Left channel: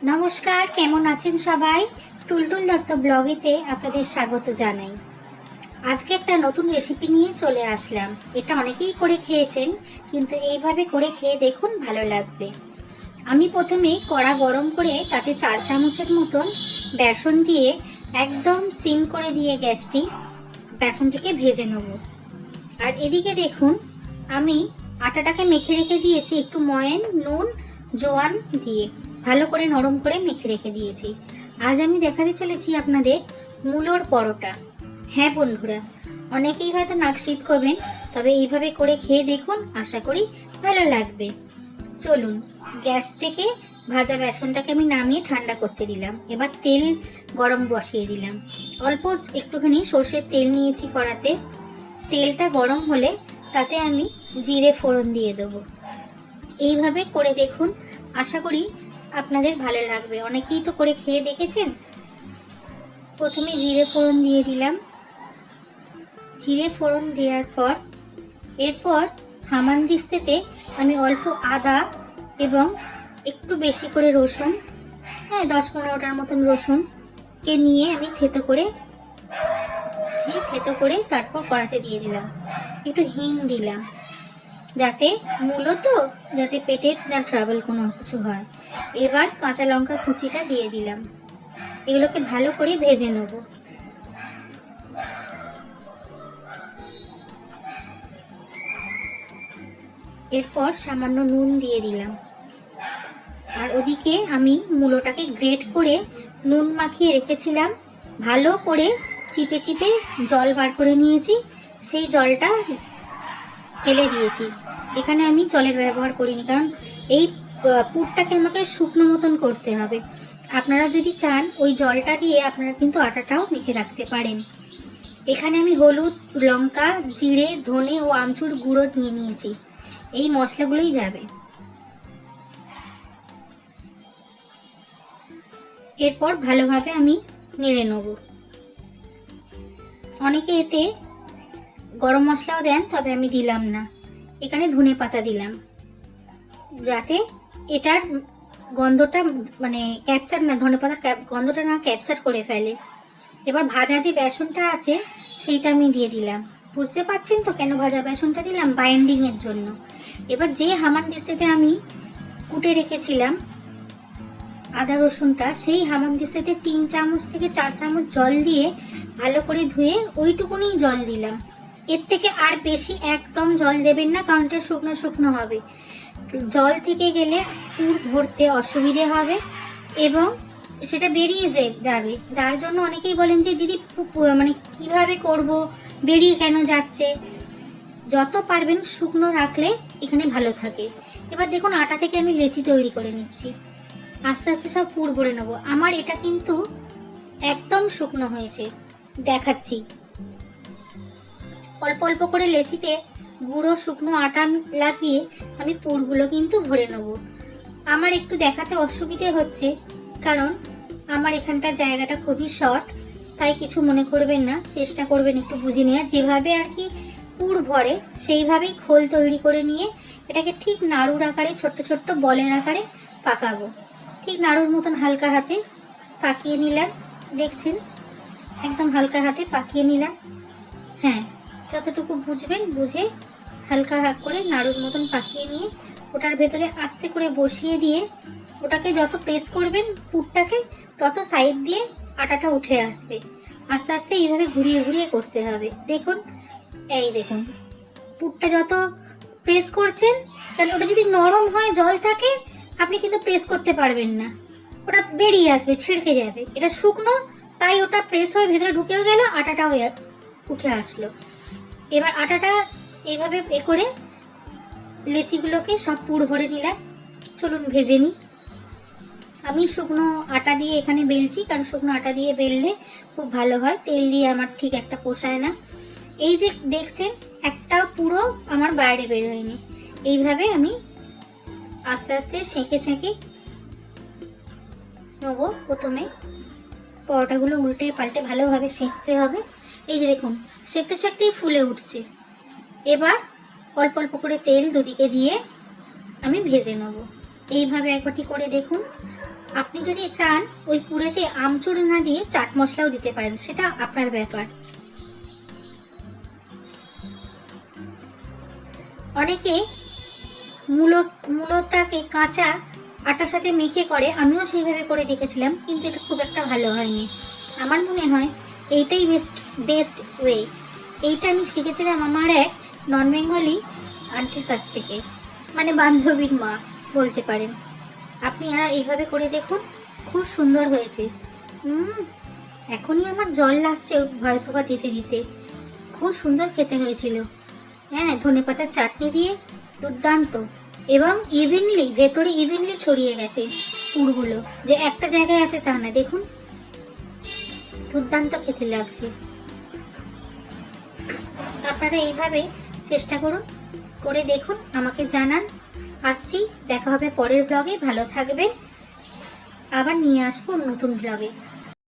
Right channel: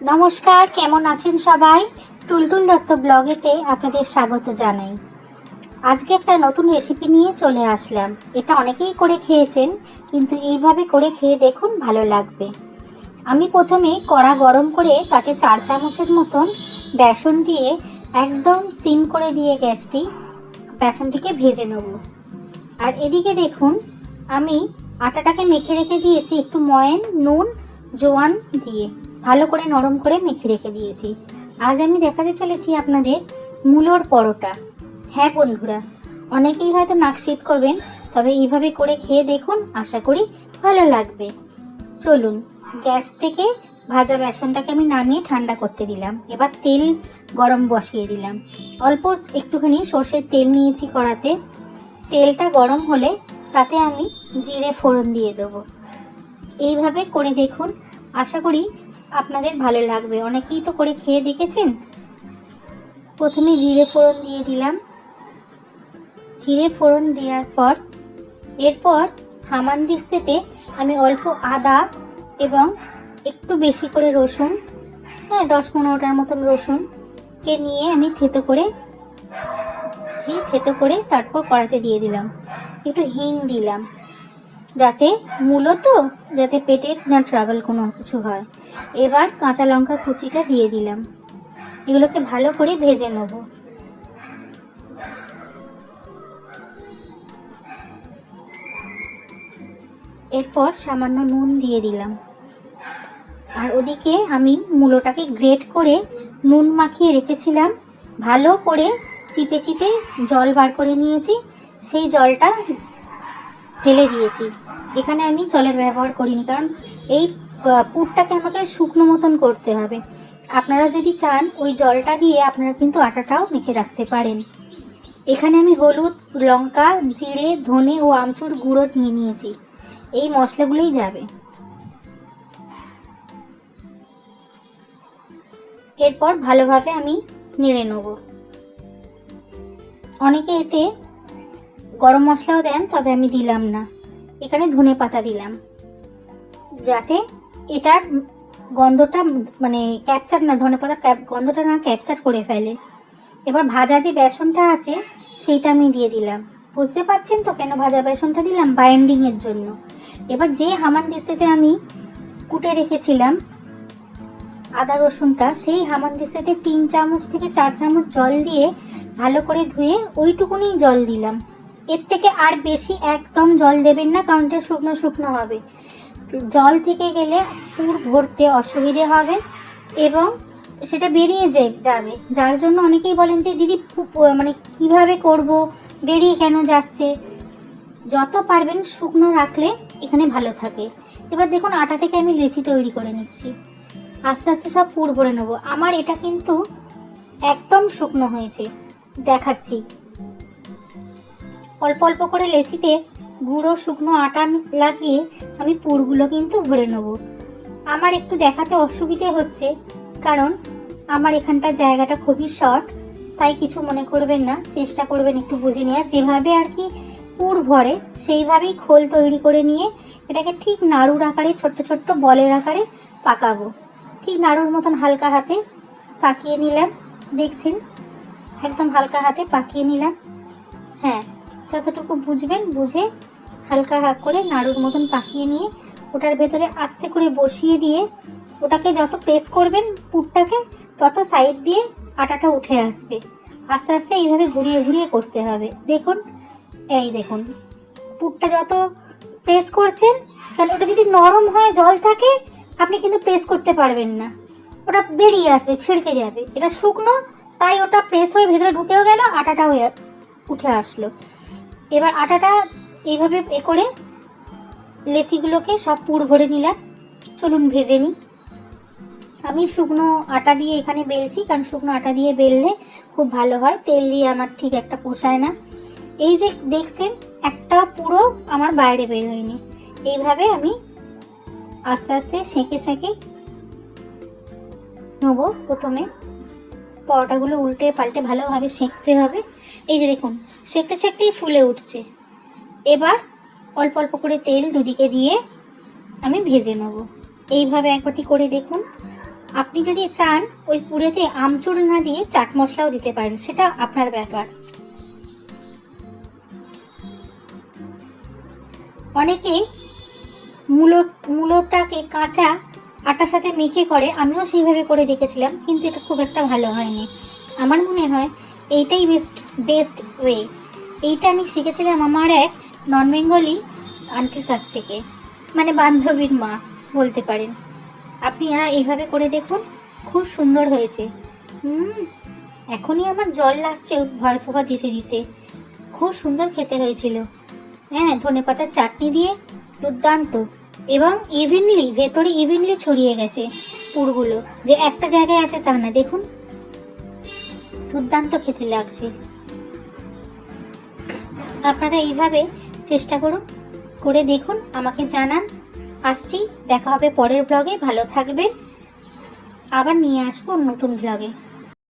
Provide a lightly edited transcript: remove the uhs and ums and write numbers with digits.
নমস্কার, কেমন আছেন সবাই? টুলটুল দত্ত ব্লগেতে আপনাদের স্বাগত জানাই। আজকে একটা নতুন রেসিপি নিয়ে চলে আসলাম। এটা অনেকেই করে খেয়েছেন, কিন্তু এইভাবে করে খেয়ে দেখুন, ভালো লাগবে। আমি প্রথমে কড়া গরম করে তাতে 4 চামচের মতন বেসন দিয়ে একদম সিম করে দিয়ে গ্যাসটি বেসনটিকে ভেজে নেব। আর এদিকে দেখুন, আমি আটাটাকে মেখে রেখে দিয়েছি একটু ময়ান, নুন, জোয়ান দিয়ে ভালো করে নরম করে মেখে রেখে দিয়েছি। আজ আমি দেখাতে চলেছি আপনাদের মূলোর পরোটা। হ্যাঁ বন্ধুরা, অনেকেই হয়তো নাক সিট করবেন, তবে এইভাবে করে খেয়ে দেখুন, আশা করি ভালো লাগবে। চলুন, গ্যাস থেকে ভাজা বেসনটাকে আমি নামিয়ে ঠান্ডা করতে দিলাম। এবার তেল গরম বসিয়ে দিলাম। অল্প একটুখানি সর্ষের তেল নিয়েছি কড়াতে। তেলটা গরম হলে তাতে আমি জিরে ফোড়ন দিয়ে দেবো। এইভাবে করে দেখুন, আশা করি আপনাদের ভালো লাগবে। অনেকেই তো করে খেয়ে দেখেছেন। প্রথমে জিরে ফোড়ন দিয়ে দিলাম। জিরে ফোড়ন দেওয়ার পর এরপর হামানদিস্তাতে আমি অল্প আদা এবং একটু বেশি করে রসুন, 10-15টার মতন রসুনকে নিয়ে আমি থেতো করে তারপর কড়াতে দিয়ে দিলাম। একটু হিং দিলাম, যাতে মূলত যাতে পেটের না ট্রাবল কোনো কিছু হয়। এবার কাঁচা লঙ্কা কুচিটা দিয়ে দিলাম। এগুলোকে ভালো করে ভেজে নেব। এরপর সামান্য নুন দিয়ে দিলাম। আর ওদিকে আমি মূলোটাকে গ্রেট করে নুন মাখিয়ে রেখেছিলাম, ভালো করে চিপে চিপে জল বার করে নিয়েছি। সেই জলটা ফেলে দিয়েছি। এখানে আমি জলের ব্যবহার করিনি, কারণ এই পুরটাকে আমাকে শুকনো মতন করতে হবে। আপনারা যদি চান ওই জলটা দিয়ে আপনারা কিন্তু আটাটাও মেখে রাখতে পারেন। এখানে আমি হলুদ, লঙ্কা, জিরে, ধনে ও আমচুর গুঁড়ো নিয়ে নিয়েছি। এই মশলাগুলোই যাবে। এরপর ভালোভাবে আমি নেড়ে নেব। অনেকে এতে গরম মশলাও দেন, তবে আমি দিলাম না। এখানে ধনে পাতা দিলাম, যাতে এটার গন্ধটা মানে ক্যাপচার না, ধনে পাতার গন্ধটা না ক্যাপচার করে ফেলে। এবার ভাজা যে বেসনটা আছে সেইটা আমি দিয়ে দিলাম। বুঝতে পারছেন তো কেন ভাজা বেসনটা দিলাম? বাইন্ডিংয়ের জন্য। এবার যে হামানদিস্তাতে আমি কুটে রেখেছিলাম আদা রসুনটা, সেই হামানদিস্তাতে 3 চামচ থেকে 4 চামচ জল দিয়ে ভালো করে ধুয়ে ওইটুকুনি জল দিলাম। এর থেকে আর বেশি একদম জল দেবেন না, কারণ এটা শুকনো শুকনো হবে। জল থেকে গেলে পুর ভরতে অসুবিধে হবে এবং সেটা বেরিয়ে যাবে। যার জন্য অনেকেই বলেন যে দিদি মানে কিভাবে করব, বেরিয়ে কেন যাচ্ছে। যত পারবেন শুকনো রাখলে এখানে ভালো থাকে। এবার দেখুন, আটা থেকে আমি লেচি তৈরি করে নিচ্ছি। আস্তে আস্তে সব পুর ভরে নেবো। আমার এটা কিন্তু একদম শুকনো হয়েছে, দেখাচ্ছি। অল্প অল্প করে লেচিতে গুঁড়ো শুকনো আটা লাগিয়ে আমি পুরগুলো কিন্তু ভরে নেব। আমার একটু দেখাতে অসুবিধে হচ্ছে, কারণ আমার এখানটা জায়গাটা খুবই শর্ট, তাই কিছু মনে করবেন না। চেষ্টা করবেন একটু বুঝে নেওয়া। যেভাবে আর কি পুর ভরে সেইভাবেই খোল তৈরি করে নিয়ে এটাকে ঠিক নাড়ুর আকারে, ছোট্ট ছোট্ট বলের আকারে পাকাবো। ঠিক নাড়ুর মতন হালকা হাতে পাকিয়ে নিলাম। দেখছেন, একদম হালকা হাতে পাকিয়ে নিলাম। হ্যাঁ, যতটুকু বুঝবেন বুঝে হালকা করে নাড়ুর মতন পাকিয়ে নিয়ে ওটার ভেতরে আস্তে করে বসিয়ে দিয়ে ওটাকে যত প্রেস করবেন পুরটাকে, তত সাইড দিয়ে আটাটা উঠে আসবে। আস্তে আস্তে এইভাবে ঘুরিয়ে ঘুরিয়ে করতে হবে। দেখুন, এই দেখুন, পুরটা যত প্রেস করছেন, কারণ ওটা যদি নরম হয়, জল থাকে, আপনি কিন্তু প্রেস করতে পারবেন না, ওটা বেরিয়ে আসবে, ছিড়কে যাবে। এটা শুকনো, তাই ওটা প্রেস হয়ে ভেতরে ঢুকেও গেল, আটাটাও উঠে আসলো। এবার আটাটা এইভাবে করে লেচিগুলোকে সব পুর ভরে নিলাম। চলুন ভেজে নিই। আমি শুকনো আটা দিয়ে এখানে বেলছি, কারণ শুকনো আটা দিয়ে বেললে খুব ভালো হয়। তেল দিয়ে আমার ঠিক একটা পোষায় না। এই যে দেখছেন, একটা পুরো আমার বাইরে বের হয়নি। এইভাবে আমি আস্তে আস্তে সেঁকে সেঁকে নেবো। প্রথমে পরোটাগুলো উল্টে পাল্টে ভালোভাবে সেঁকতে হবে। এই যে দেখুন, সেঁকতে সেঁকতেই ফুলে উঠছে। এবার অল্প অল্প করে তেল দুদিকে দিয়ে আমি ভেজে নেব। এইভাবে এক বাটি করে দেখুন। আপনি যদি চান ওই পুরেতে আমচুর না দিয়ে চাট মশলাও দিতে পারেন, সেটা আপনার ব্যাপার। অনেকে মূলোটাকে কাঁচা আটার সাথে মেখে করে, আমিও সেইভাবে করে দেখেছিলাম, কিন্তু এটা খুব একটা ভালো হয়নি। আমার মনে হয় এইটাই বেস্ট ওয়ে। এইটা আমি শিখেছিলাম আমার এক নন বেঙ্গলি আন্টির কাছ থেকে, মানে বান্ধবীর মা বলতে পারেন। আপনারা এইভাবে করে দেখুন, খুব সুন্দর হয়েছে। এখনই আমার জল লাগছে ভয়েস ওভার দিতে দিতে। খুব সুন্দর খেতে হয়েছিল। হ্যাঁ, ধনেপাতার চাটনি দিয়ে দুর্দান্ত, এবং ভেতরে ইভেনলি ছড়িয়ে গেছে পুরগুলো, যে একটা জায়গায় আছে তা না। দেখুন, দুর্দান্ত খেতে লাগছে। আপনারা এইভাবে চেষ্টা করুন, করে দেখুন, আমাকে জানান। আসছি, দেখা হবে পরের ব্লগে। ভালো থাকবেন, আবার নিয়ে আসবো নতুন ব্লগে।